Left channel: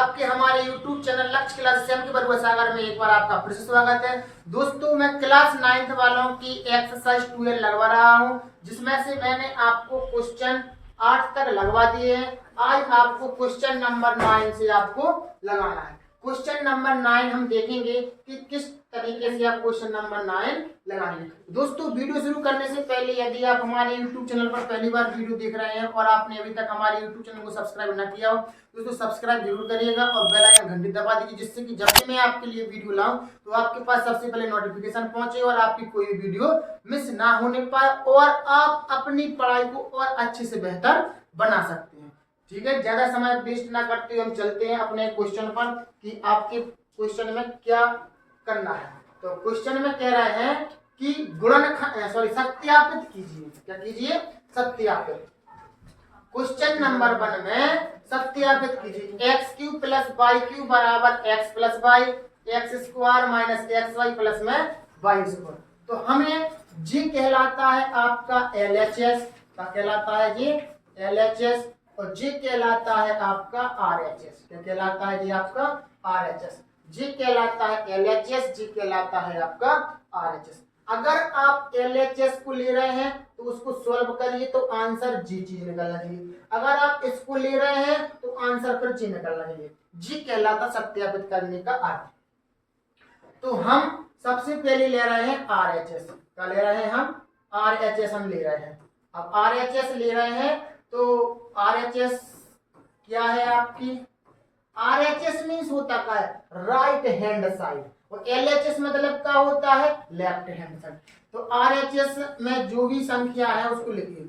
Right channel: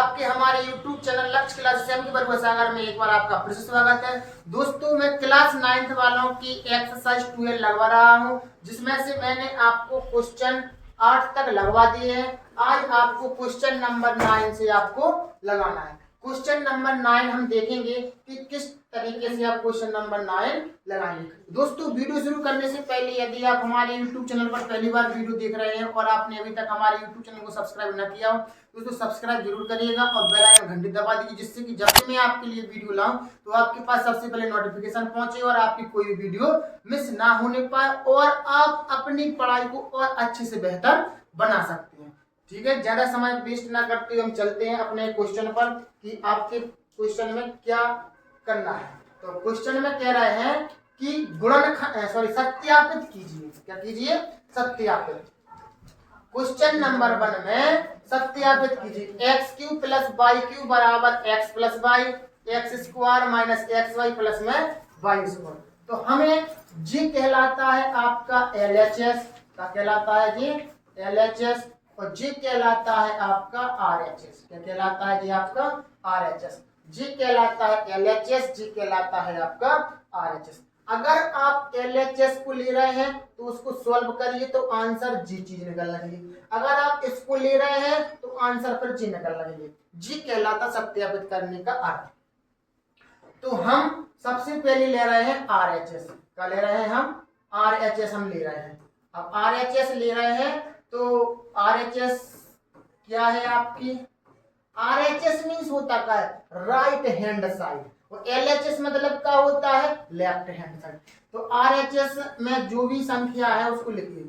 आपके हमारे YouTube channel लक्ष्य क्लास के बरुआ सागर में एक बार आपका फिर से स्वागत है। दोस्तों मैं क्लास 9th वालों की एक्सरसाइज 12 लगवा रहा हूं, जिसमें से मैंने आपको क्वेश्चन 8 तक लगवा दिए हैं। आज आपको क्वेश्चन नंबर 9 से आपको लगाना है। क्वेश्चन नंबर 9 हम देखेंगे कि किस तरीके से आप क्वेश्चन नंबर 9 लगाएंगे। दोस्तों वीडियो शुरू करने से पहले यदि आप हमारे YouTube चैनल पर पहली बार वीडियो देख रहे हैं और आपने अभी तक हमारे YouTube चैनल को सब्सक्राइब न किया हो, दोस्तों सब्सक्राइब जरूर करिएगा और बेल आइकन घंटी दबा दीजिए, जिससे कि जब भी मैं आपके लिए वीडियो लाऊं तो आपके पास सबसे पहले नोटिफिकेशन पहुंचे और आपकी कोई भी वीडियो मिस ना होने पाए और आप अपनी पढ़ाई को और अच्छे से बेहतर बना सकते हैं। ठीक है, ज्यादा समय वेस्ट ना करते हुए हम चलते हैं अपने क्वेश्चन पर कि आपके क्वेश्चन में क्या करना है। तो क्वेश्चन में कह रहे हैं कि सत्यापित कीजिए। क्या कीजिए? सत्यापित। क्वेश्चन नंबर 1 में सत्यापित कीजिए। X cube plus Y cube बराबर X plus Y, X square minus X Y plus में वाई स्क्वायर। तो हमें जी कहलाता है आपका LHS, क्या कहलाता है जी? LHS। और जी कहलाता है आपका RHS। क्या कहलाता है जी? आपका RHS। जी कहलाता है LHS, जी कहलाता है आपका RHS। अगर आप LHS को ले रहे हैं तो उसको सॉल्व करिए तो आंसर जी चीज निकलना चाहिए। अगर आप इसको ले रहे हैं तो आंसर फिर जी निकलना चाहिए। जी कहलाता सत्यापित करने का अर्थ। तो हम सबसे पहले ले रहे हैं RHS। क्या ले रहे हैं हम? RHS हम ले रहे हैं। अब RHS ले रहे हैं तो RHS क्या है आपकी? RHS मीन्स होता क्या है? Right hand side. और LHS मतलब क्या होता है? Left hand side. तो RHS में जो भी संख्या है उसको लिखिए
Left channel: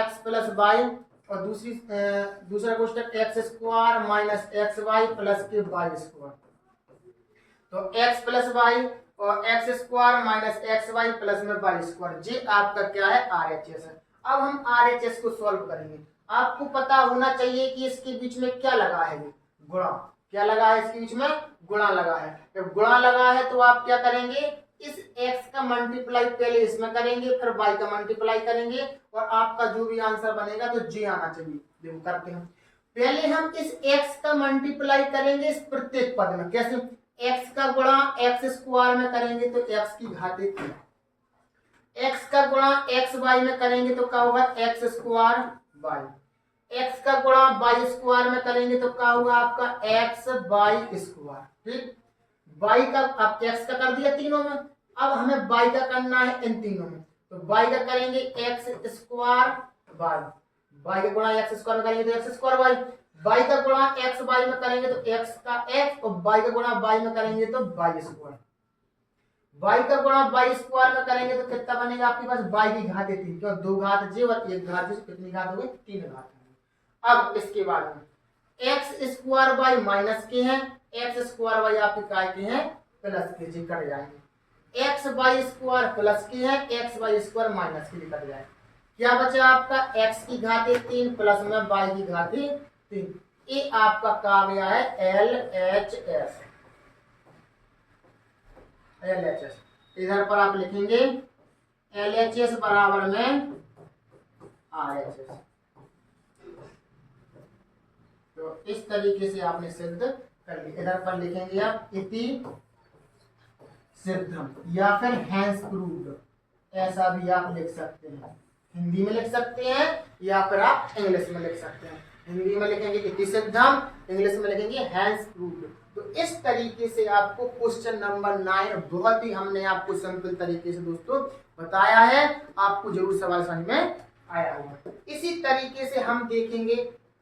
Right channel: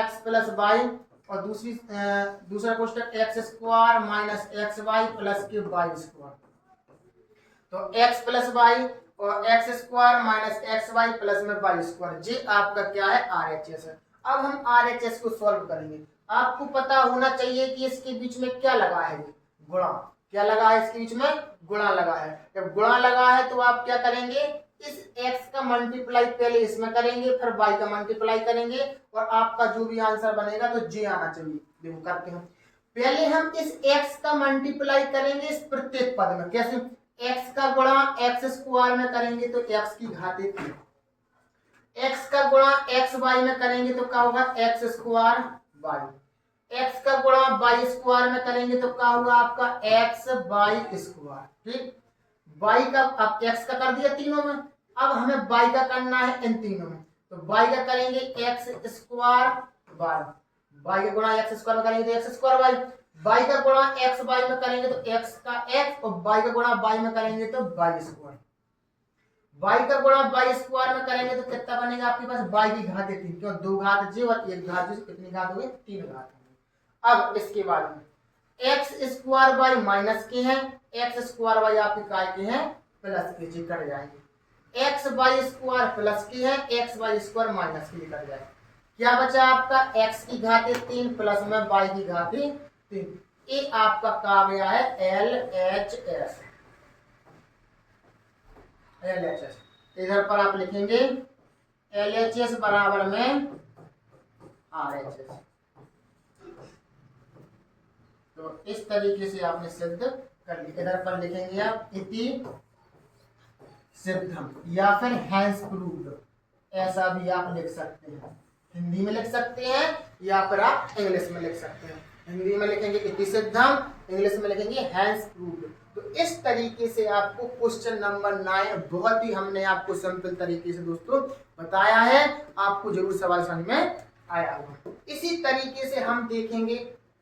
x प्लस वाई और दूसरा question X square minus X Y plus के वाई स्क्वायर। तो x प्लस वाई और X square minus X Y plus में वाई स्क्वायर, ये आपका क्या है? RHS है। अब हम RHS को सॉल्व करेंगे। आपको पता होना चाहिए कि इसके बीच में क्या लगा है? गुणा। क्या लगा है इसके बीच में? गुणा लगा है। जब गुणा लगा है तो आप क्या करेंगे? इस x का मल्टीप्लाई पहले इसमें करेंगे, फिर y का मल्टीप्लाई करेंगे और आपका जो भी आंसर बनेगा तो जी आना चाहिए। देखो करते हैं। पहले हम इस x का मल्टीप्लाई करेंगे इस प्रत्येक पद में। कैसे? x का गुणा एक्स स्क्वायर में करेंगे तो x की घात 1, x का गुणा एक्स वाई में करेंगे तो क्या होगा? X square Y. x का गुणा वाई स्क्वायर में करेंगे तो क्या होगा आपका? X Y square. ठीक, y का अब x का कर दिया तीनों में, अब हमें y का करना है इन तीनों में। तो y का करेंगे एक्स स्क्वायर वाई, y का गुणा एक्स स्क्वायर में करेंगे तो एक्स स्क्वायर वाई, y का गुणा एक्स वाई में करेंगे तो x का x और y का गुणा y में करेंगे तो y स्क्वायर। y का गुणा y स्क्वायर में करेंगे तो कितना बनेगा आपके पास? y की घात 3, क्यों? 2 घात j और 1 घात j, कितनी घात हो गई? 3 घात। अब इसके बाद में एक्स स्क्वायर वाई माइनस के हैं, एक्स स्क्वायर वाई आपके काय के हैं? प्लस के, जी कट जाएंगे। एक्स वाई स्क्वायर प्लस के हैं, एक्स वाई स्क्वायर माइनस के, कट जाए। क्या बचा आपका? एक्स की घातें 3 प्लस में वाई की घातें 3। ये आपका कहा गया है LHS। इधर पर आप लिखेंगे LHS बराबर में RHS। तो इस तरीके से आपने सिद्ध कर लिया। इधर पर लिखेंगे आप इति सिद्धम या फिर हैंस प्रूव्ड, ऐसा भी आप लिख सकते हैं। हिंदी में लिख सकते हैं या फिर आप इंग्लिश में लिख सकते हैं। हिंदी में लिखेंगे इति सिद्धम, इंग्लिश में लिखेंगे हैंस प्रूव्ड। तो इस तरीके से आपको क्वेश्चन नंबर 9 बहुत ही हमने आपको सिंपल तरीके से दोस्तों बताया है। आपको जरूर सवाल समझ में आया होगा। इसी तरीके से हम देखेंगे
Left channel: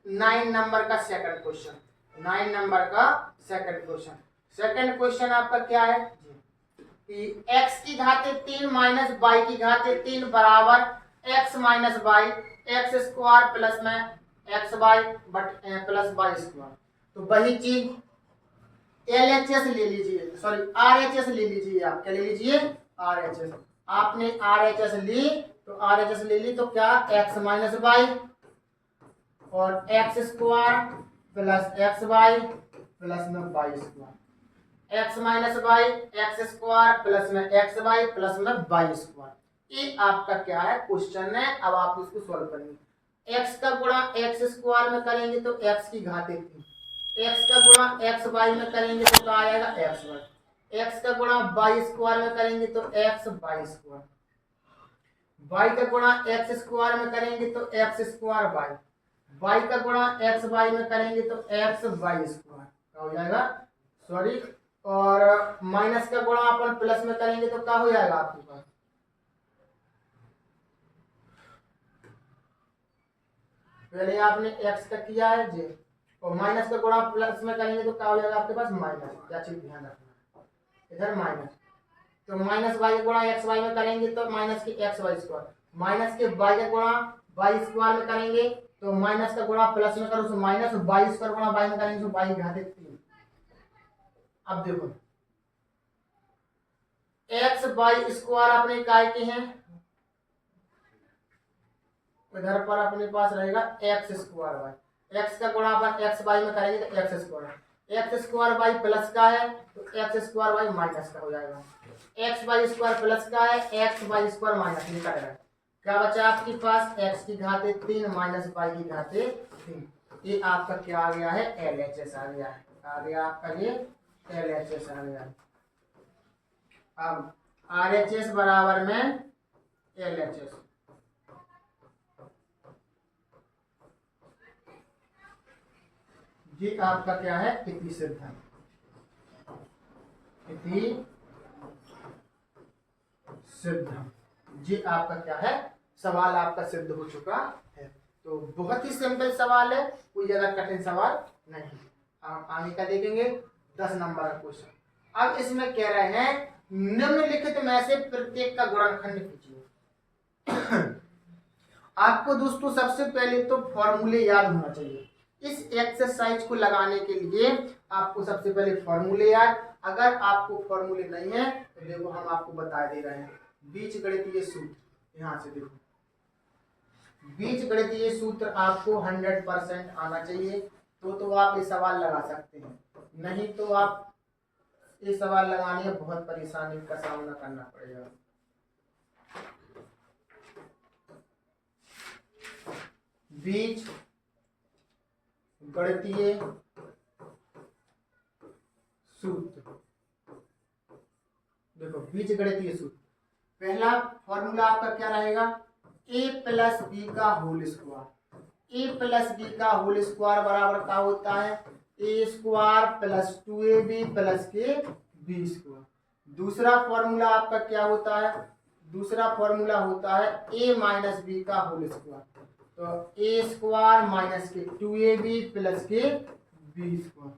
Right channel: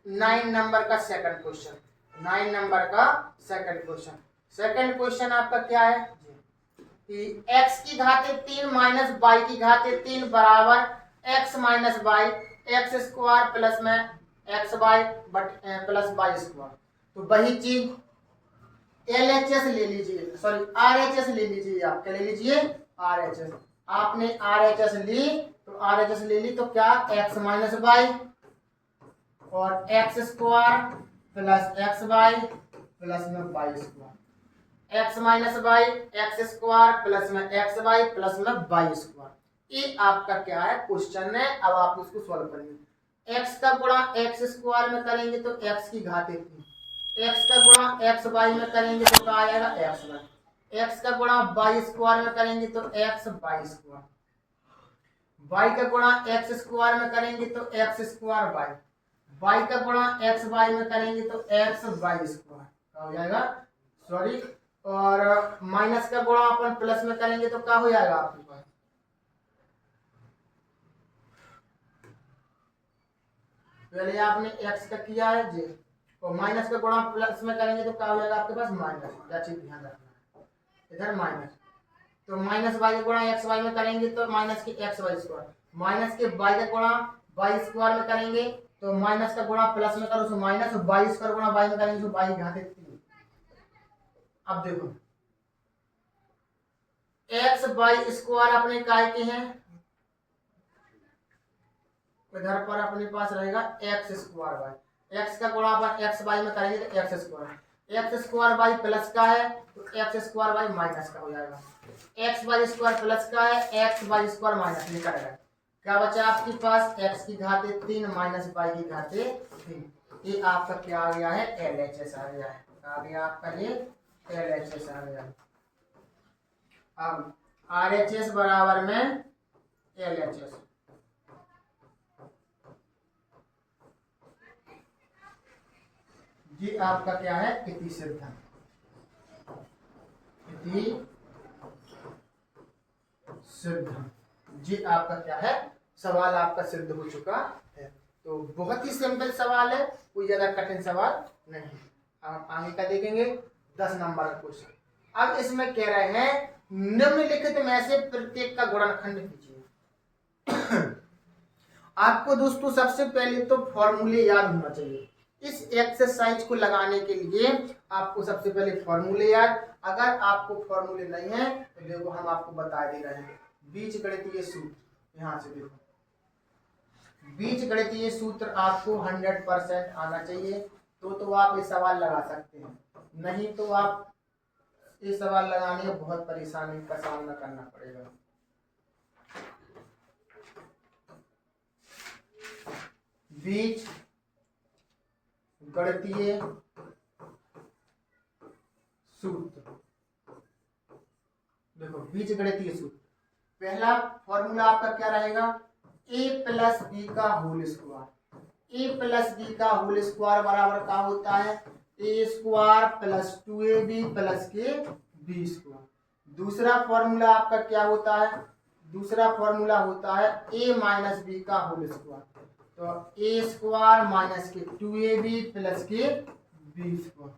9 नंबर का सेकंड क्वेश्चन। 9 नंबर का सेकंड क्वेश्चन। सेकंड क्वेश्चन आपका क्या है कि x की घातें 3 माइनस वाई की घातें 3 बराबर x minus Y, X square plus में X Y but plus Y square. तो वही चीज LHS ले लीजिए, सॉरी RHS ले लीजिए। आप क्या ले लीजिए? RHS। आपने RHS ली तो RHS ले ली तो क्या? x माइनस वाई और X square plus X Y plus में Y square, X minus Y X square plus में एक्स वाई प्लस में वाई स्क्वायर। ये आपका क्या है? क्वेश्चन है। अब आप इसको सॉल्व करेंगे। एक्स का गुणा एक्स स्क्वायर में करेंगे तो एक्स की घातें 3, एक्स का गुणा एक्स वाई में करेंगे तो क्या आ जाएगा एक्स वाई। एक्स का गुणा वाई स्क्वायर में करेंगे तो एक्स वाई स्क्वायर। वाई का गुणा एक्स स्क्वायर में करेंगे तो एक्स स्क्वायर वाई। वाई का गुणा एक्स वाई में करेंगे तो एक्स वाई स्क्वायर क्या हो जाएगा सॉरी। और माइनस का गुणा अपन प्लस में करेंगे तो क्या हो जाएगा आपके पास पहले आपने एक्स का किया है जी और माइनस का गुणा प्लस में करेंगे तो क्या हो जाएगा आपके पास माइनस। या चीज ध्यान रखना इधर माइनस तो माइनस वाई गुणा एक्स वाई में करेंगे तो माइनस के एक्स वाई स्क्वायर। माइनस के वाई का गुणा वाई स्क्वायर में करेंगे तो माइनस का गुणा प्लस में करो तो माइनस वाई स्क्वायर गुणा वाई में करेंगे तो वाई घाते 3। अब देखो एक्स वाई स्क्वायर अपने काय के हैं इधर पर अपने पास रहेगा एक्स स्क्वायर वाई। एक्स का गुणा अपन एक्स वाई में करेंगे तो X square. X square Y plus का है तो एक्स स्क्वायर वाई माइनस का हो जाएगा। एक्स वाई स्क्वायर प्लस का है एक्स वाई स्क्वायर माइनस निकल रहा है। क्या बचा आपके पास एक्स की घाते 3 माइनस वाई की घाते 3। ये आपका क्या आ गया है एल एच एस आ गया है। आ गया आपका ये एल एच एस आ गया। अब आर एच एस बराबर में एल एच एस। ये आपका क्या है इति सिद्धम। इति सिद्धम ये आपका क्या है सवाल आपका सिद्ध हो चुका है। तो बहुत ही सिंपल सवाल है कोई ज्यादा कठिन सवाल नहीं। हम आगे का देखेंगे 10 नंबर का क्वेश्चन। अब इसमें कह रहे हैं निम्नलिखित में से प्रत्येक का गुणनखंड कीजिए। आपको दोस्तों सबसे पहले तो फॉर्मूले याद होना चाहिए। इस एक्सरसाइज को लगाने के लिए आपको सबसे पहले फॉर्मूले याद। अगर आपको फॉर्मूले नहीं है तो देखो हम आपको बता दे रहे हैं बीजगणितीय सूत्र। यहाँ से देखो बीजगणितीय सूत्र आपको 100% आना चाहिए तो आप ये सवाल लगा सकते हैं। नहीं तो आप ये सवाल लगाने में बहुत परेशानी का सामना करना पड़ेगा। बीज गणितीय सूत्र देखो बीज गणितीय सूत्र पहला फॉर्मूला आपका क्या रहेगा ए प्लस बी का होल स्क्वायर। ए प्लस बी का होल स्क्वायर बराबर क्या होता है ए स्क्वायर प्लस 2ab प्लस के बी स्क्वायर। दूसरा फॉर्मूला आपका क्या होता है दूसरा फॉर्मूला होता है ए माइनस बी का होल स्क्वायर। तो ए स्क्वायर माइनस के 2ab प्लस के बी स्क्वायर।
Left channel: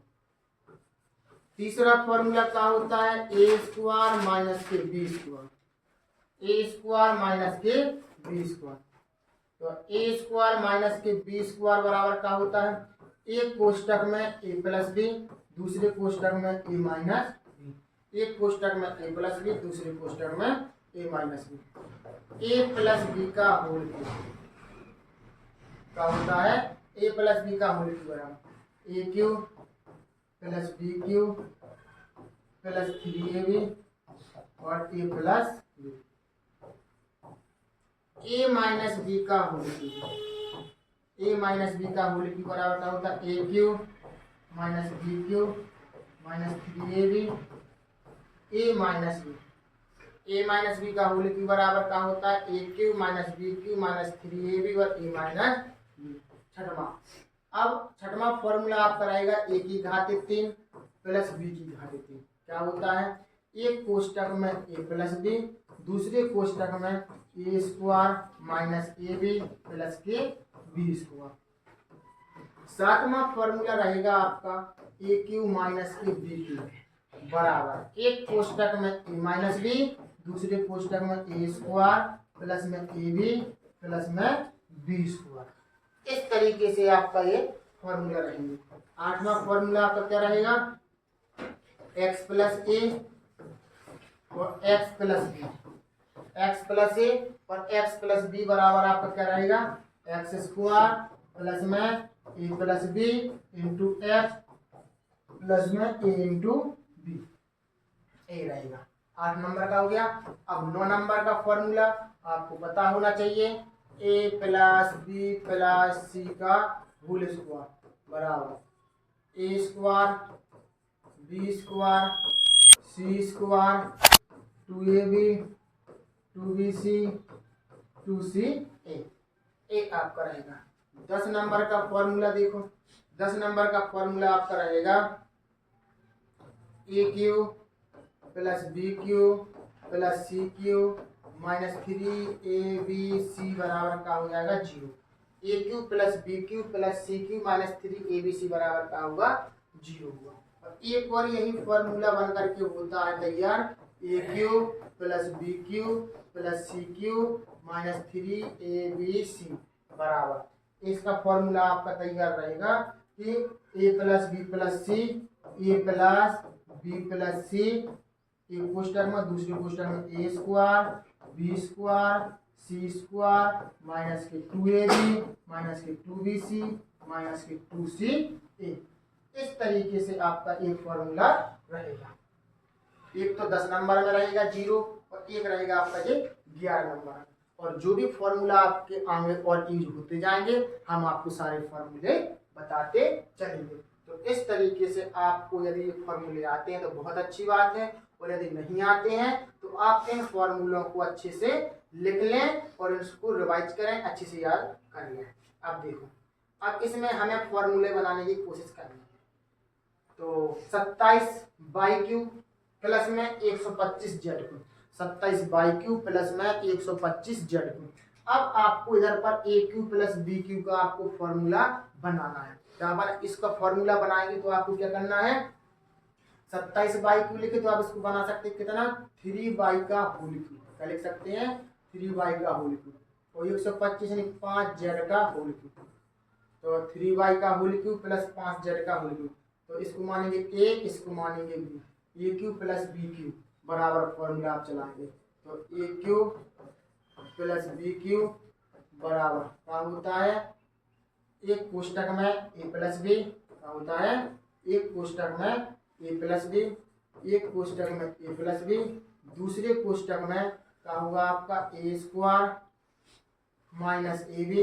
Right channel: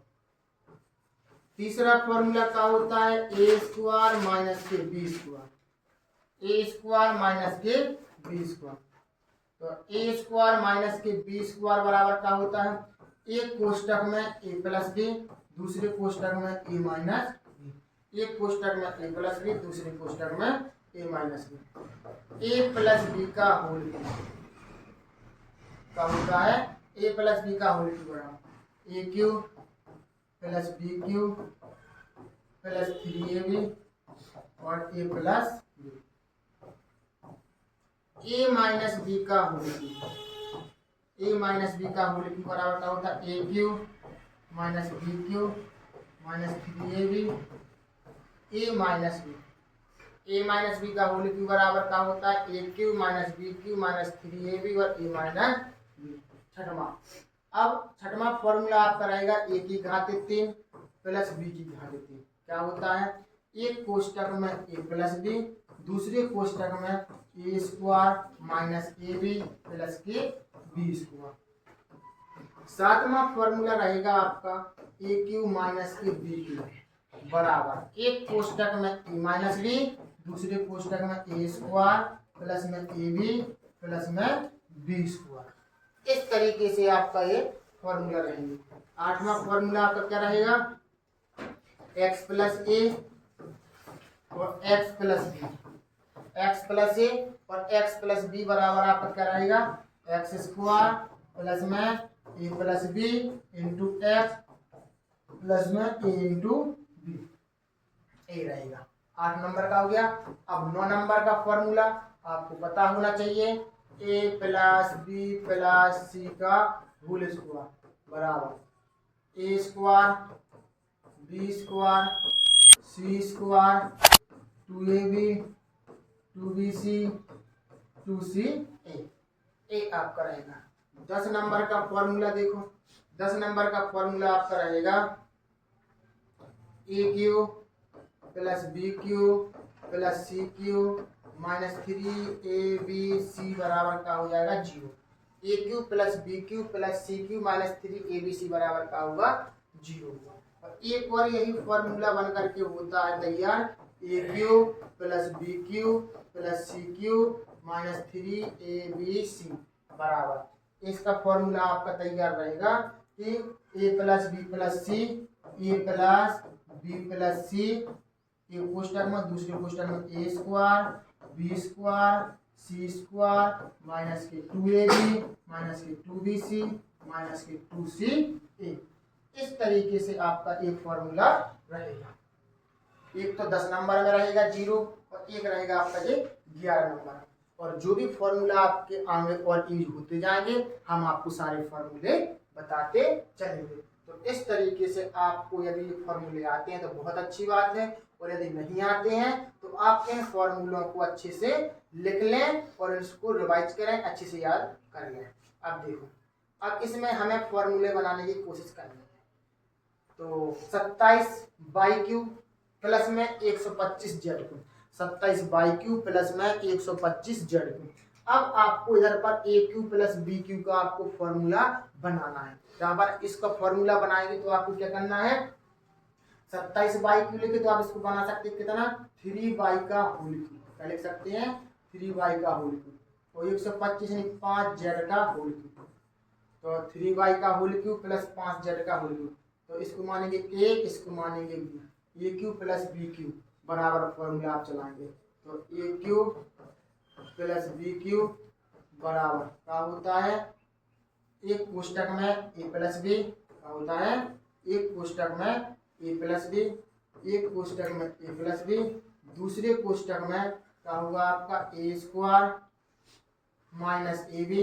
तीसरा फॉर्मूला क्या होता है ए स्क्वायर माइनस के बी स्क्वायर। ए स्क्वायर माइनस के बी स्क्वायर। तो ए स्क्वायर माइनस के बी स्क्वायर बराबर क्या होता है एक कोष्टक में ए प्लस बी दूसरे कोष्टक में ए माइनस बी। एक कोष्टक में ए प्लस बी दूसरे कोष्टक में A minus B. A plus B का होल क्या होता है ए प्लस बी का होल बराबर A cube plus B cube plus 3ab और A plus B. A minus B का whole cube A minus B का होल क्यूब बराबर क्या होता है A cube minus B cube minus 3ab A minus B. A minus B का whole cube बराबर क्या होता है A cube minus B cube minus 3ab और ए माइनस बी। छठवां अब छठवां फॉर्मूला आपका रहेगा ए की घाते 3 प्लस बी की घाते 3। क्या होता है एक कोष्टक में ए प्लस बी दूसरे कोष्टक में ए square minus A B plus के बी स्क्वायर। सातवां फॉर्मूला रहेगा आपका ए क्यू माइनस के बी क्यू बराबर एक कोष्टक में ए माइनस बी दूसरे कोष्टक में ए स्क्वायर प्लस में ए बी प्लस में बी स्क्वायर। इस तरीके से आपका ये फॉर्मूला रहेंगे। आठवां फॉर्मूला आपका क्या रहेगा एक्स प्लस ए और X plus B. X plus A और एक्स प्लस बी बराबर आपका क्या रहेगा एक्स स्क्वायर प्लस में ए plus B into X plus में ए इंटू बी ए रहेगा। 8 नंबर का हो गया। अब 9 नंबर का फॉर्मूला आपको पता होना चाहिए ए प्लस बी प्लस सी का होल स्क्वायर बराबर ए square b square c square 2ab 2bc 2ca ए आपका रहेगा। 10 नंबर का फॉर्मूला देखो, 10 नंबर का फॉर्मूला आपका रहेगा a cube plus B cube plus c cube minus 3abc बराबर का हो जाएगा 0। A cube plus B cube plus c cube minus 3abc बराबर का होगा 0 हुआ। और एक बार यही फॉर्मूला बन करके होता है तैयार a cube plus B cube plus c cube minus 3abc बराबर, इसका फॉर्मूला आपका तैयार रहेगा कि a plus B plus c a plus B plus c, एक कोष्टक में दूसरे कोष्टक में ए square b square c square minus के 2ab माइनस के 2bc माइनस के 2ca। इस तरीके से आपका एक फॉर्मूला रहेगा। एक तो 10 नंबर में रहेगा 0 और एक रहेगा आपका ये 11 नंबर। और जो भी फॉर्मूला आपके आगे और यूज होते जाएंगे हम आपको सारे फॉर्मूले बताते चलेंगे। तो इस तरीके से आपको यदि ये फॉर्मूले आते हैं तो बहुत अच्छी बात है, और यदि नहीं आते हैं तो आप इन फॉर्मूलों को अच्छे से लिख लें और इसको रिवाइज करें, अच्छे से याद कर लें। अब देखो, अब इसमें हमें फॉर्मूले बनाने की कोशिश करनी है। तो 27 बाई क्यू प्लस में 125 Z Q, 27 by Q plus में 125 जेड क्यू। अब आपको इधर पर ए क्यू प्लस बी क्यू का आपको फॉर्मूला बनाना है। यहाँ पर इसका फॉर्मूला बनाएंगे तो आपको क्या करना है, 27 बाई क्यू लिखे तो आप इसको बना सकते हैं कितना 3 बाई का होल क्यू, क्या लिख सकते हैं 3 बाई का होल क्यू, और 125 यानी 5 जेड का होल क्यू, तो 3 बाई का होल क्यू प्लस 5 जेड का होल क्यू। तो इसको मानेंगे ए, इसको मानेंगे बी, ए क्यू प्लस बी क्यू बराबर फॉर्मूला आप चलाएंगे। तो ए क्यू प्लस बी क्यू बराबर क्या होता है, एक कोष्टक में ए प्लस बी क्या होता है, एक कोष्टक में ए प्लस बी, एक कोष्टक में ए प्लस बी, दूसरे कोष्टक में क्या होगा आपका a square minus A B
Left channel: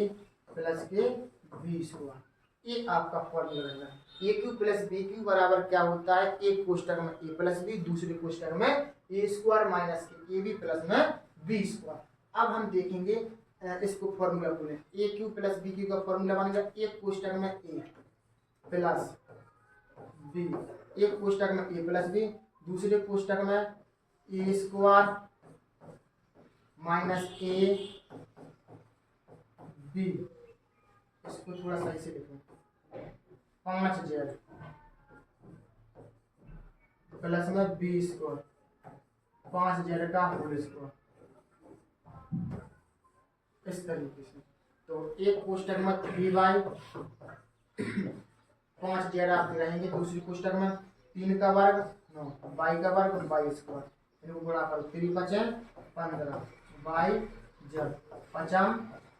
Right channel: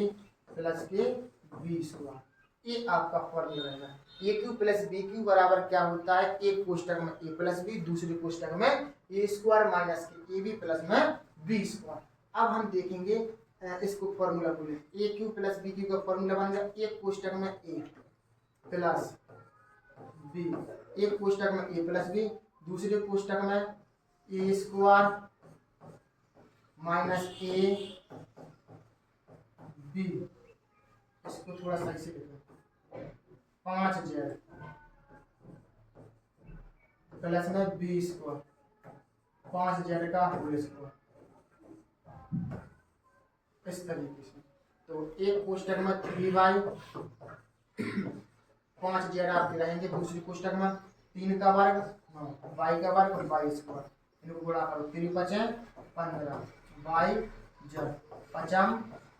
plus के बी स्क्वायर। ये आपका फॉर्मूला रहेगा। A cube plus B cube बराबर क्या होता है, एक कोष्टक में ए प्लस बी, दूसरे कोष्टक में ए स्क्वायर माइनस के ए बी प्लस में बी स्क्वायर। अब हम देखेंगे इसको फॉर्मूला को लें, ए क्यू प्लस बी क्यू का फॉर्मूला बन गया, एक कोष्टक में ए प्लस बी, एक कोष्टक में ए प्लस बी, दूसरे कोष्टक में ए स्क्वायर माइनस ए बी, इसको थोड़ा सही से लिखें 5 जेड प्लस में बी स्क्वायर 5 जेड का होल स्क्वायर, इस तरीके से। तो एक कोष्टक में 3 बाई 5 जेड आपके रहेंगे, दूसरी कोष्टक में 3 का वर्ग 9 बाई का वर्ग बाई स्क्वायर, इनको गुणा करो 3 5 15 बाई जेड 5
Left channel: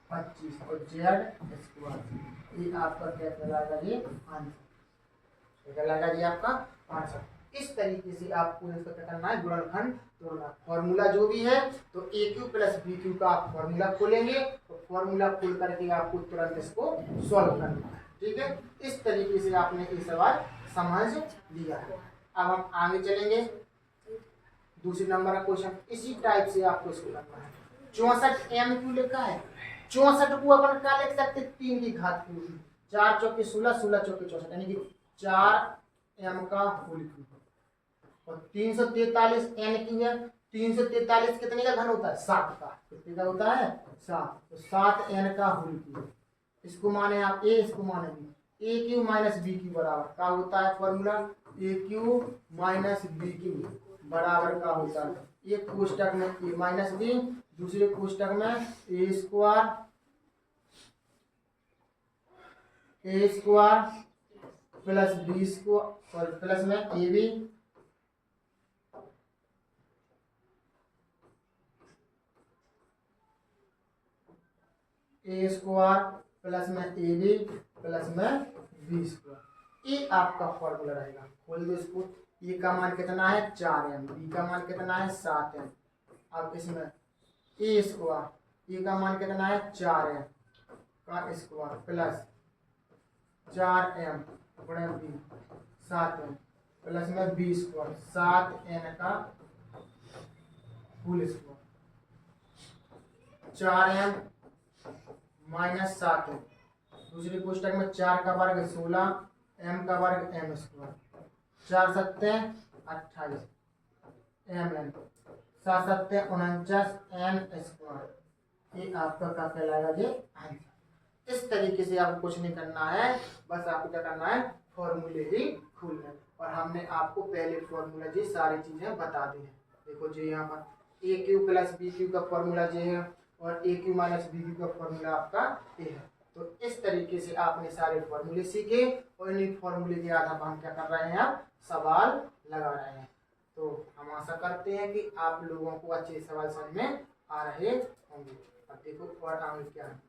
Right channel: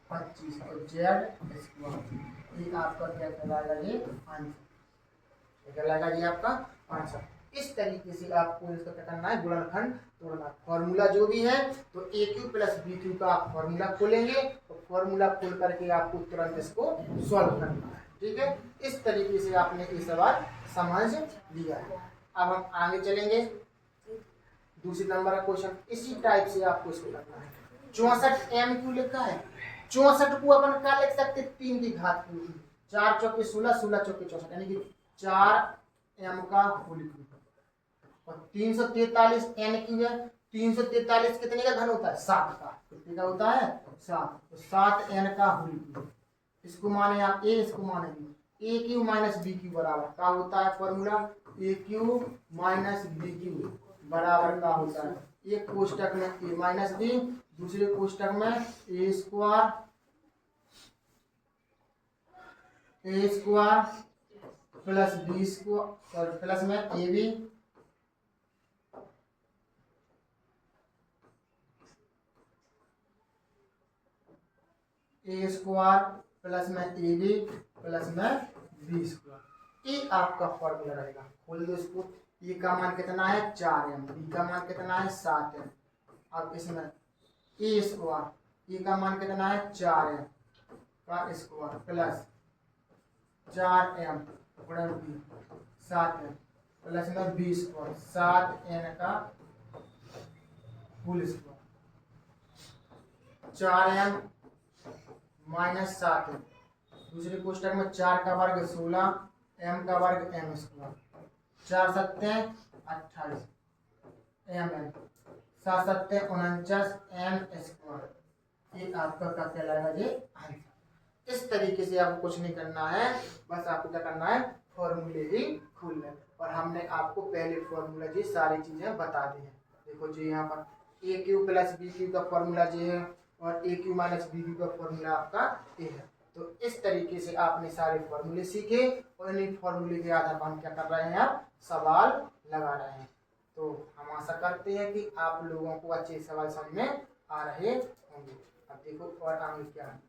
25 और जेड स्क्वायर। ये आपका क्या कहलाएगा, ये आंसर कहलाएगा, ये आपका आंसर। इस तरीके से आपको इसका क्या करना है, गुणनखंड तोड़ना। फॉर्मूला जो भी है तो ए क्यू प्लस बी क्यू का आप फॉर्मूला खोलेंगे, तो फॉर्मूला खोल करके आपको तुरंत इसको सॉल्व करना है। ठीक है, इस तरीके से आपने ये सवाल समझ लिया है। अब हम आगे चलेंगे, दूसरे नंबर का क्वेश्चन इसी टाइप से आपको इसको करना है। 64 एम क्यू लिखा है, 64 को अपन क्या लिख सकते, 3 की घात क्यू, 4 चौके 16 16 चौके 64 यानी कि 4 एम का होल क्यू, और 343 एन क्यू है। 343 कितने का घन होता है, 7 का, कितने का होता है 7, तो 7 एन का होल क्यू। इसको माने आप ए, इसको मानेंगे ए क्यू माइनस बी क्यू बराबर क्या होता है फॉर्मूला, ए क्यू माइनस बी क्यू बराबर का होता है, एक कोष्टक में ए माइनस बी, दूसरे कोष्टक में ए square plus B square plus में a b a square plus में ए बी प्लस में बी स्क्वायर। ये आपका फॉर्मूला रहेगा। खोल दो इसको, ए का मान कितना है 4 एम, बी का मान कितना है 7 एम। अब इसमें ए स्क्वायर, ए का मान कितना है 4 एम का स्क्वायर प्लस 4 एम गुणन बी 7m प्लस में बी स्क्वायर 7n का whole square 4m minus 7m दूसरे कोष्टक में 4 का वर्ग 16 m का वर्ग m स्क्वायर 4 सत्ते 28 mn 7 सत्ते 49 m स्क्वायर। ये आपका क्या कहलाएगा ये आंसर। इस तरीके से आपको कुछ नहीं करना है, बस आपको क्या करना है फॉर्मूले ही खोलने। और हमने आपको पहले फॉर्मूला जी सारी चीजें बता दी हैं। देखो जी यहाँ पर ए क्यू प्लस बी क्यू का फॉर्मूला जी है और ए क्यू माइनस बी क्यू का फॉर्मूला आपका ए है। तो इस तरीके से आपने सारे फॉर्मूले सीखे और इन्हीं फॉर्मूले के आधार पर हम क्या कर रहे हैं अब सवाल लगा रहे हैं। तो हम आशा करते हैं कि आप लोगों को अच्छे सवाल समझ में आ रहे होंगे। अब देखो और आगे क्या है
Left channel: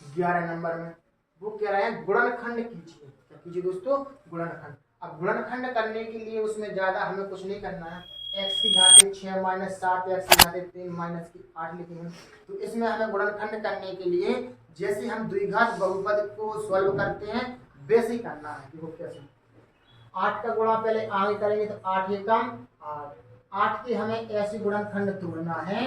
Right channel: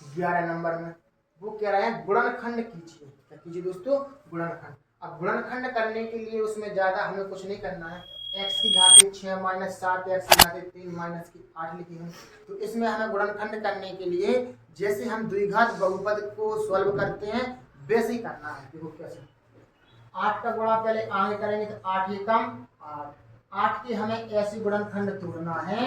11 नंबर में वो कह रहा है गुणनखंड कीजिए। क्या कीजिए दोस्तों गुणनखंड। अब गुणनखंड करने के लिए उसमें ज्यादा हमें कुछ नहीं करना है। x की घाते 6 माइनस 7 x की घाते 3 माइनस की 8 लिखी हुई। तो इसमें हमें गुणनखंड करने के लिए जैसे हम द्विघात बहुपद को सॉल्व करते हैं वैसे ही करना है। देखो कैसे 8 का गुणा पहले आगे करेंगे तो 8 एकम 8 के हमें ऐसे गुणनखंड तोड़ना है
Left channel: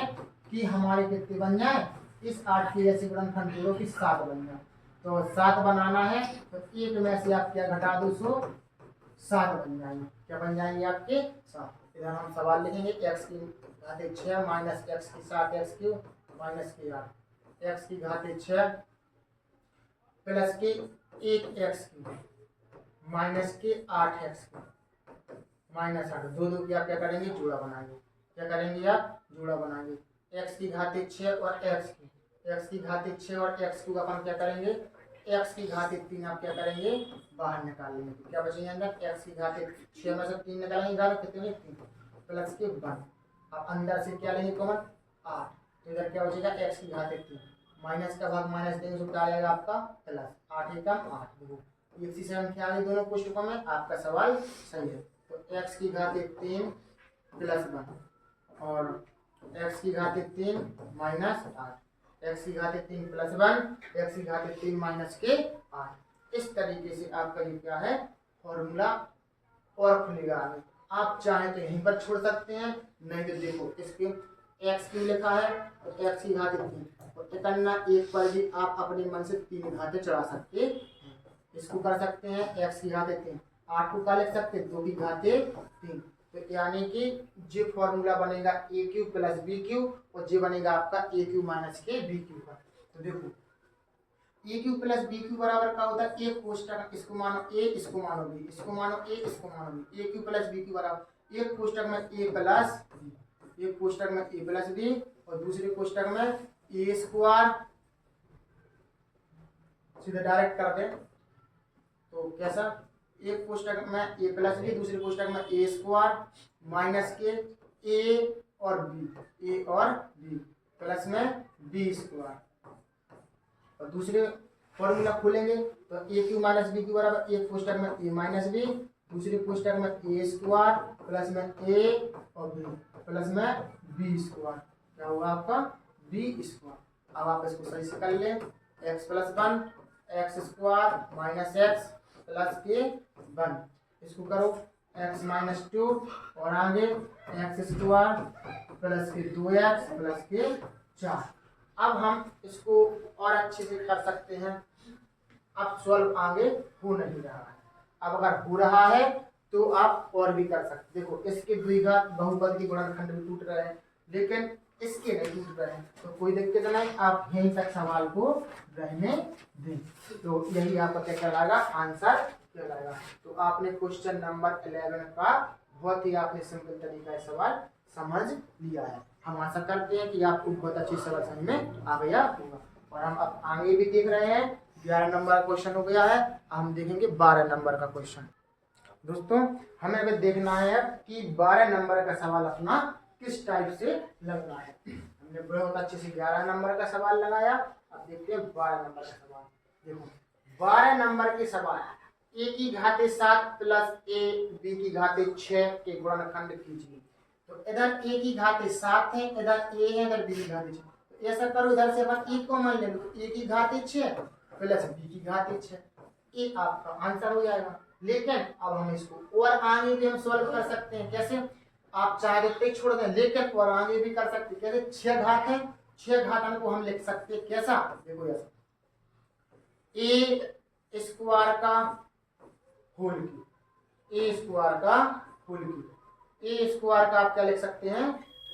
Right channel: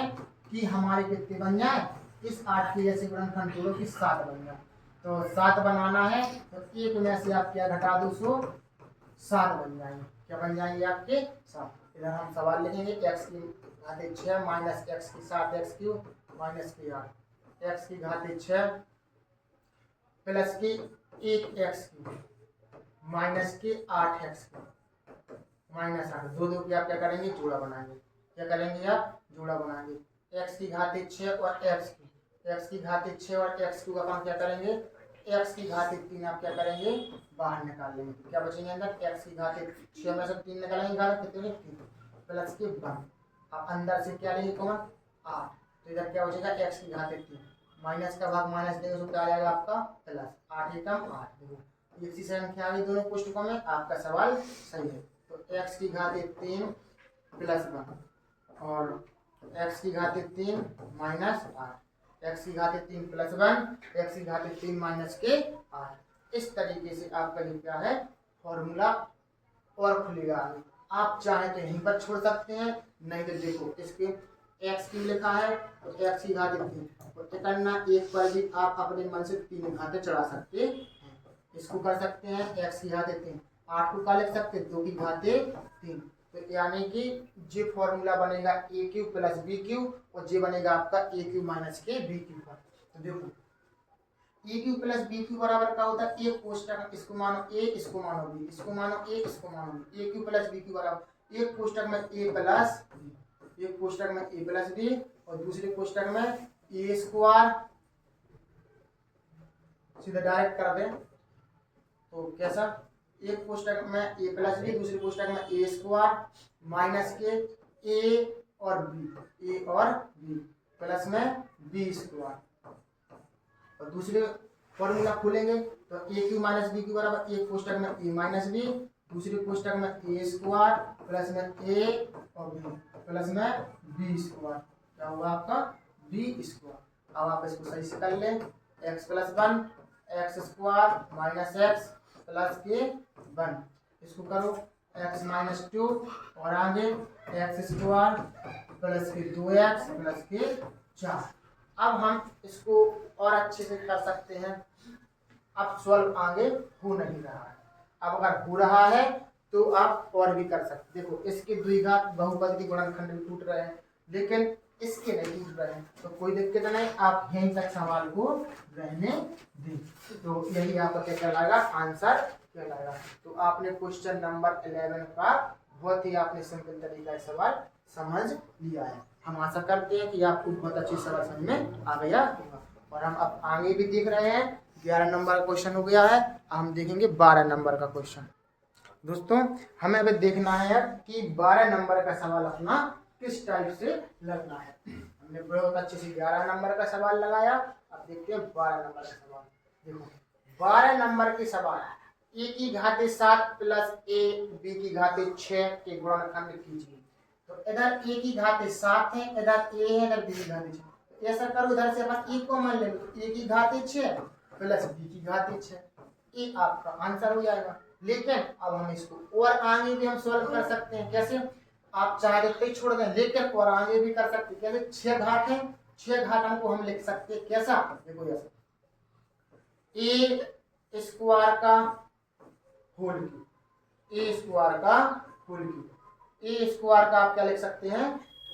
कि हमारे कितने बन जाए। इस 8 के ऐसे गुणनखंड तोड़ो कि 7 बन जाए। तो 7 बनाना है तो एक में से आप क्या घटा दो सो 7 बन जाएंगे। क्या बन जाएंगे आपके 7। इधर हम सवाल लिखेंगे x की घाते 6 माइनस x की 7 x क्यूब माइनस की 8 x की घाते 6 प्लस की 1 x क्यूब माइनस के 8x माइनस 8 दो दो की आप क्या करेंगे जोड़ा बनाएंगे। क्या करेंगे आप जोड़ा बनाएंगे। x की घाते 6 और x की घाते 6 और x क्यूब अपन क्या करेंगे x की घाते 3 आप क्या करेंगे बाहर निकाल लेंगे। तो क्या बचेंगे अंदर x की घाते 6 में से 3 निकालेंगे घर कितने 3 प्लस के 1। अब अंदर से क्या लेंगे कॉमन 8। तो इधर क्या बचेगा x की घाते 3 माइनस का भाग माइनस देंगे तो क्या आ जाएगा आपका प्लस 8 एकम 8। देखो एक सी संख्या आ गई दोनों कोष्टकों में। आपका सवाल सही है। तो x की घाते 3 प्लस 1 और x की घाते 3 माइनस 8 x की घाते 3 प्लस 1 x की घाते 3 माइनस के 8। इस तरीके से आपका ये क्या है फॉर्मूला और खुलेगा आगे। आप चाहे तो यहीं पर छोड़ सकते हैं, नहीं तो देखो इसके x की लिखा है तो x की घाते 3 और इकन्ना एक पर भी आप अपने मन से 3 घाते चढ़ा सकते हैं। इसको कर सकते हैं x की घाते 3 8 को क्या लिख सकते हैं 2 की घाते 3। तो यानी कि जे फॉर्मूला बनेगा ए क्यू प्लस बी क्यू और जे बनेगा आपका ए क्यू माइनस के बी क्यू का। तो देखो ए क्यू प्लस बी क्यू बराबर क्या होता है एक कोष्टक इसको मानो ए इसको मानो बी इसको मानो ए इसको मानो बी। ए क्यू प्लस बी क्यू बराबर एक कोष्टक में ए प्लस बी एक कोष्टक में ए प्लस बी और दूसरे कोष्टक में ए स्क्वायर सीधा डायरेक्ट कर दें तो कैसा एक कोष्टक में ए प्लस बी दूसरे कोष्टक में ए स्क्वायर माइनस के ए और बी प्लस में बी स्क्वायर और दूसरे फॉर्मूला खोलेंगे तो ए क्यू माइनस बी क्यू बराबर एक कोष्टक में ए माइनस बी दूसरे कोष्टक में ए स्क्वायर प्लस में ए और बी प्लस में बी स्क्वायर। क्या होगा आपका बी स्क्वायर। अब आप इसको सही से कर लें x plus 1 x square minus x plus के 1 इसको करो एक्स माइनस 2 और आगे एक्स स्क्वायर प्लस के 2x प्लस के 4। अब हम इसको और अच्छे से कर सकते हैं। अब सॉल्व आगे हो नहीं रहा है। अब अगर हो रहा है तो आप और भी कर सकते। देखो इसके द्विघात बहुपद के गुणनखंड भी टूट रहे हैं लेकिन इसके नहीं टूट रहे हैं तो कोई दिक्कत नहीं। आप यहीं तक सवाल को रहने दें। तो यही आपका क्या कहलाएगा आंसर कहलाएगा। तो आपने क्वेश्चन नंबर 11 का बहुत ही आपने सिंपल तरीका से सवाल समझ लिया है। हम आशा करते हैं कि आपको बहुत अच्छी सवाल समझ में आ गया होगा। और हम अब आगे भी देख रहे हैं 11 नंबर का क्वेश्चन हो गया है। हम देखेंगे 12 नंबर का क्वेश्चन। दोस्तों हमें अभी देखना है कि 12 नंबर का सवाल अपना किस टाइप से लगना है। हमने बहुत अच्छे से 11 नंबर का सवाल लगाया। अब देखते हैं 12 नंबर का सवाल। देखो 12 नंबर के सवाल ए की घाते 7 प्लस ए बी की घाते 6 के गुणनखंड कीजिए। तो इधर ए की घाते 7 है इधर ए है इधर बी की घाते 6। तो ऐसा करो इधर से अपन ए को मान लेंगे तो ए की घाते 6 प्लस बी की घाते 6 ये आपका आंसर हो जाएगा। लेकिन अब हम इसको और आगे भी हम सॉल्व कर सकते हैं। कैसे? आप चाहे तो छोड़ दें, लेकिन और आगे भी कर सकते हैं। कैसे? 6 घात है, 6 घातांक को हम लिख सकते हैं। कैसा? देखो ऐसा, ए स्क्वायर का होल क्यूब, ए स्क्वायर का होल क्यूब, ए स्क्वायर का आप क्या लिख सकते हैं?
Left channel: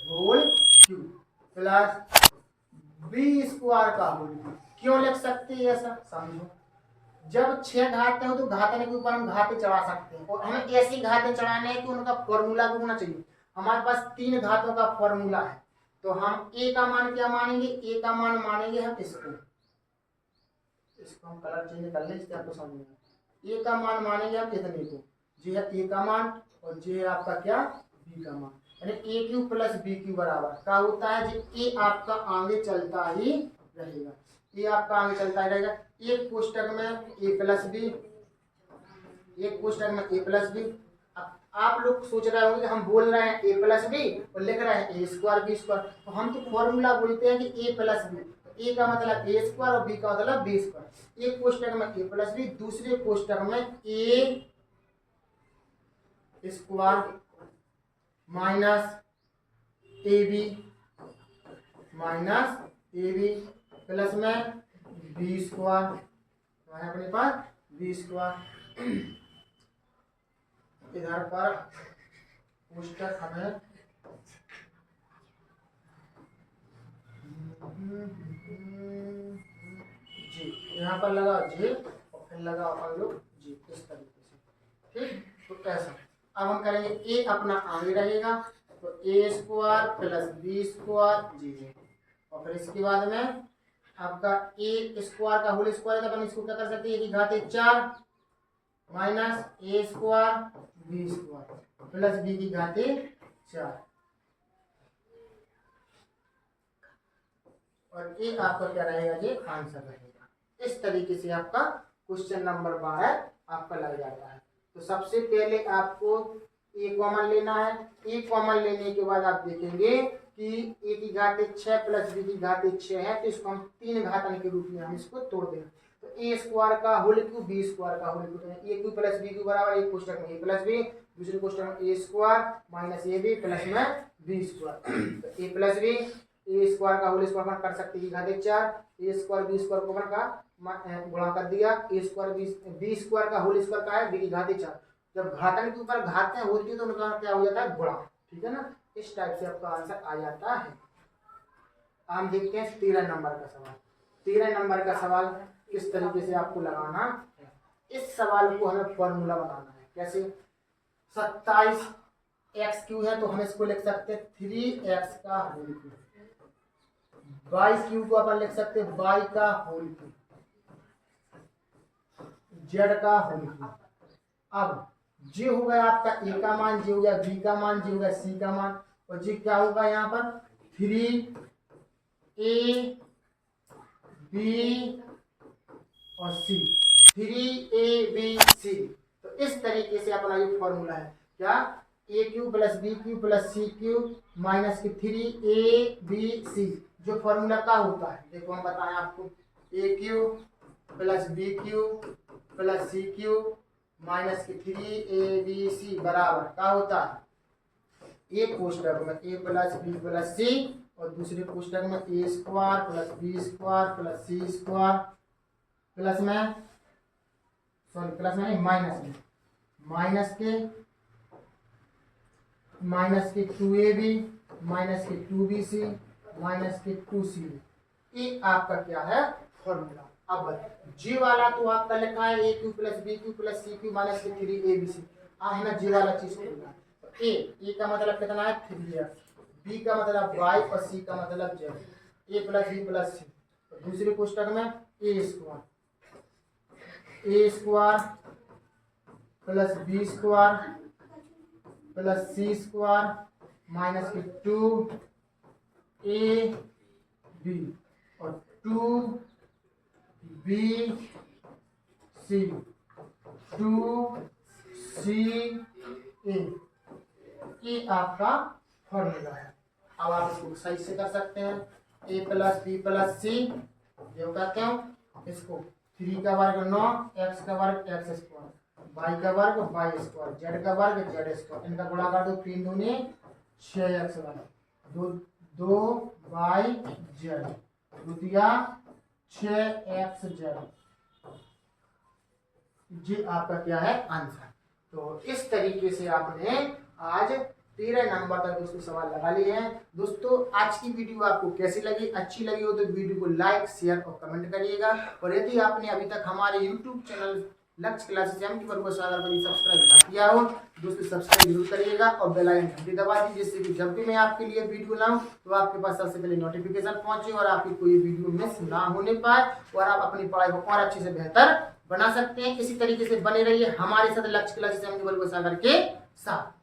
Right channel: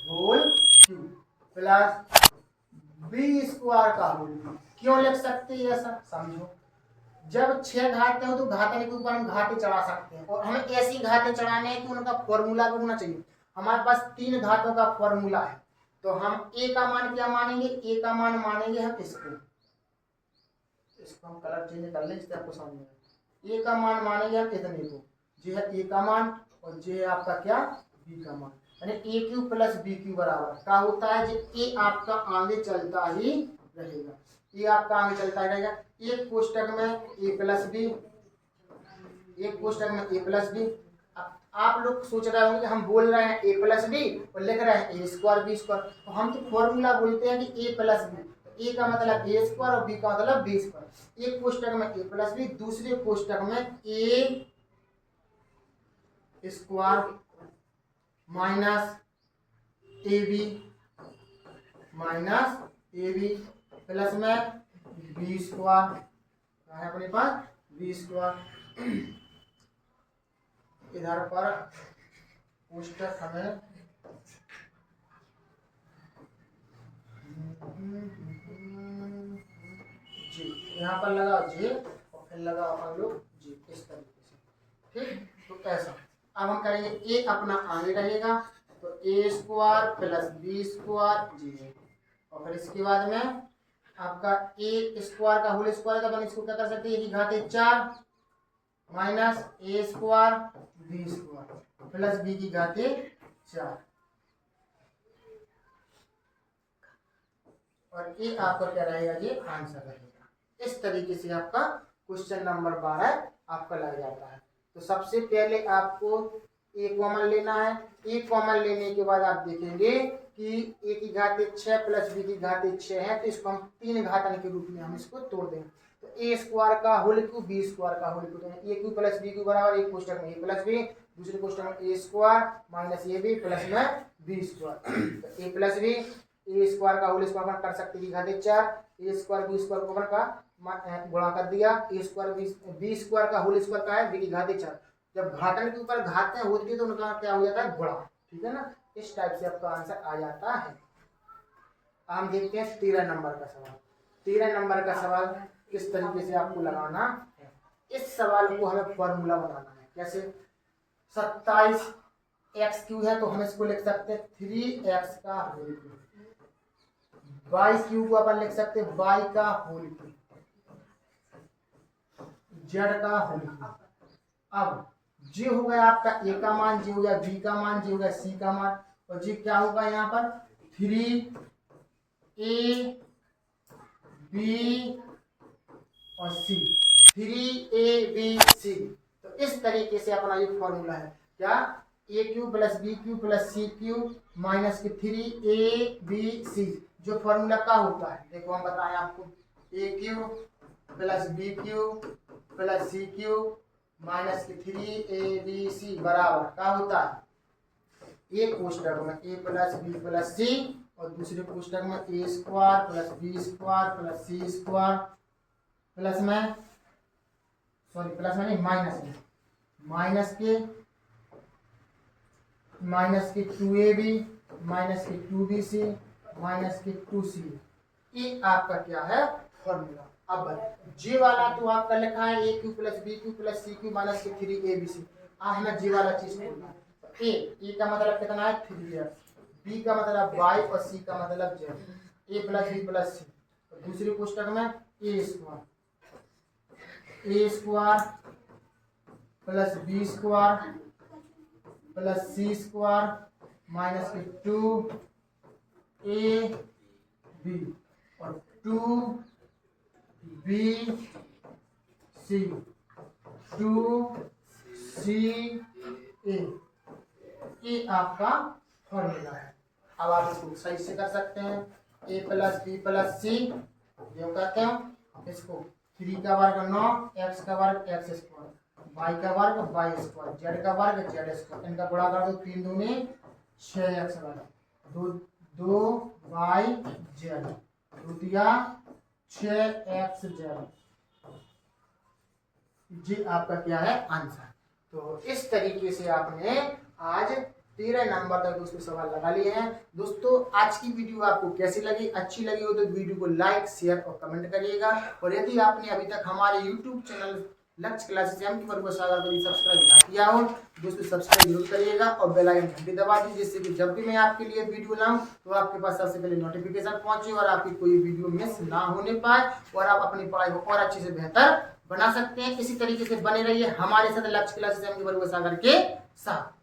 Whole cube plus B square का होल क्यूब। क्यों लिख सकते हैं ऐसा? समझो, जब 6 घाते हो तो घातांक के ऊपर हम घाते चढ़ा सकते हैं, और हमें ऐसी घाते चढ़ाने हैं कि उनका फॉर्मूला भी होना चाहिए। हमारे पास 3 घातों का फॉर्मूला है, तो हम ए का मान क्या मानेंगे? ए का मान मानेंगे हम इसको हम कलर चेंज कर लें, इससे आपको समझ में आएगा। ए का मान मानेंगे हम इतने को, ये है ए का मान, और ये है आपका क्या? बी का मान। यानी ए क्यू प्लस बी क्यू बराबर क्या होता है? जो ए आपका आगे चलता ही रहेगा, ये आपका आगे चलता ही रहेगा। एक कोष्टक में ए प्लस बी, एक कोष्टक में ए प्लस बी। आप लोग सोच रहे होंगे हम बोल रहे हैं ए प्लस बी और लिख रहे हैं ए स्क्वायर बी स्क्वायर, तो हम तो फॉर्मूला बोलते हैं कि ए प्लस बी। ए का मतलब ए स्क्वायर और बी का मतलब बी स्क्वायर। एक कोष्टक में ए प्लस बी, दूसरे कोष्टक में ए square minus A B plus में बी स्क्वायर है अपने पास बी स्क्वायर। इधर पर कोष्टक हमें जी यहाँ पर लगा जे और फिर लगा अपन लोग जी, इस तरीके से। ठीक, तो ऐसा अब हम करेंगे ए अपना आगे रहेगा, तो a square plus B square जी, और फिर इसके बाद में आपका ए स्क्वायर का होल स्क्वायर, तो अपन इसको क्या कर सकते हैं? एक घाते 4 minus a square b square plus b की घाते 4, और ये आपका क्या रहेगा? ये आंसर रहेगा। इस तरीके से आपका क्वेश्चन नंबर 12 आपका लग जाता है। तो सबसे पहले आपको ए कॉमन लेना है। ए कॉमन लेने के बाद आप देखेंगे कि ए की घाते 6 प्लस बी की घाते 6 है, तो इसको हम 3 घातांक के रूप में हम इसको तोड़ दें। तो ए स्क्वायर का होल क्यूब बी स्क्वायर का होल क्यूब, ए क्यूब प्लस बी क्यूब बराबर एक कोष्टक में ए प्लस बी, दूसरे कोष्टक में ए square minus A B plus में बी स्क्वायर। तो a plus B, a square का होल स्क्वायर कर सकते हैं घाते 4, ए स्क्वायर बी स्क्वायर को का गुणा कर दिया, ए स्क्वायर बी स्क्वायर का होल स्क्वायर का है बी की घाते 4। जब घातांक के ऊपर घातें होती है तो उनका क्या हो जाता है? गुणा। ठीक है ना, इस टाइप से आपका आंसर आ जाता है। हम देखते हैं 13 नंबर का सवाल। 13 नंबर का सवाल किस तरीके से आपको लगाना है। इस सवाल को हमें फॉर्मूला बनाना है। कैसे? 27 एक्स क्यू है, तो हम इसको लिख सकते हैं 3x का होल क्यूब। वाई क्यू को अपन लिख सकते हैं वाई का होल क्यूब, जेड का होल क्यूब। अब जे हो गया आपका ए का मान, जे हो गया बी का मान, जे हो गया सी का मान, और जे क्या होगा यहाँ पर? 3a b और सी, 3abc। तो इस तरीके से अपना ये फॉर्मूला है। क्या? A cube plus B cube plus c cube minus के 3abc, जो फॉर्मूला का होता है। देखो हम बताएं आपको, a cube plus B cube plus c cube minus के 3abc बराबर क्या होता है? एक कोष्टक में ए प्लस बी प्लस सी, और दूसरे कोष्टक में ए square plus B square plus सी स्क्वायर प्लस में प्लस में नहीं माइनस के 2ab माइनस के 2bc माइनस के 2c। ये आपका क्या है? फॉर्मूला। अब जी वाला तो आपका लिखा है a cube plus B cube plus c cube minus के 3abc। हमें जी वाला चीज खोलना है। तो ए का मतलब कितना है? 3x, बी का मतलब y और सी का मतलब z। A plus B plus C, दूसरे कोष्टक में ए square plus B square plus सी स्क्वायर माइनस के 2ab और 2bc 2ca, ये आपका फॉर्मूला है। अब आप इसको सही से कर सकते हैं। ए प्लस बी प्लस सी जो कहते हैं इसको 3 का वर्ग 9, x का वर्ग x स्क्वायर, y का वर्ग y स्क्वायर, z का वर्ग z स्क्वायर। इनका गुणा कर दो, 3 दूनी 6x वर्ग, 2y z द्वितीया 6xz। ये आपका क्या है आंसर। तो इस तरीके से आपने आज 13 नंबर तक दोस्तों सवाल लगा लिए हैं। दोस्तों आज की वीडियो आपको कैसी लगी? अच्छी लगी हो तो वीडियो को लाइक, शेयर और कमेंट करिएगा। और यदि आपने अभी तक हमारे यूट्यूब चैनल लक्ष्य क्लासेस एम की बरुआ सागर को सब्सक्राइब ना किया हो दोस्तों सब्सक्राइब जरूर करिएगा और बेल आइकन घंटी दबा दीजिए, जिससे कि जब भी मैं आपके लिए वीडियो लाऊं तो आपके पास सबसे पहले नोटिफिकेशन पहुंचे और आपकी कोई वीडियो मिस ना होने पाए और आप अपनी पढ़ाई को और अच्छे से बेहतर बना सकते हैं। इसी तरीके से बने रहिए हमारे साथ लक्ष्य क्लासेस एम की बरुआ सागर के साथ।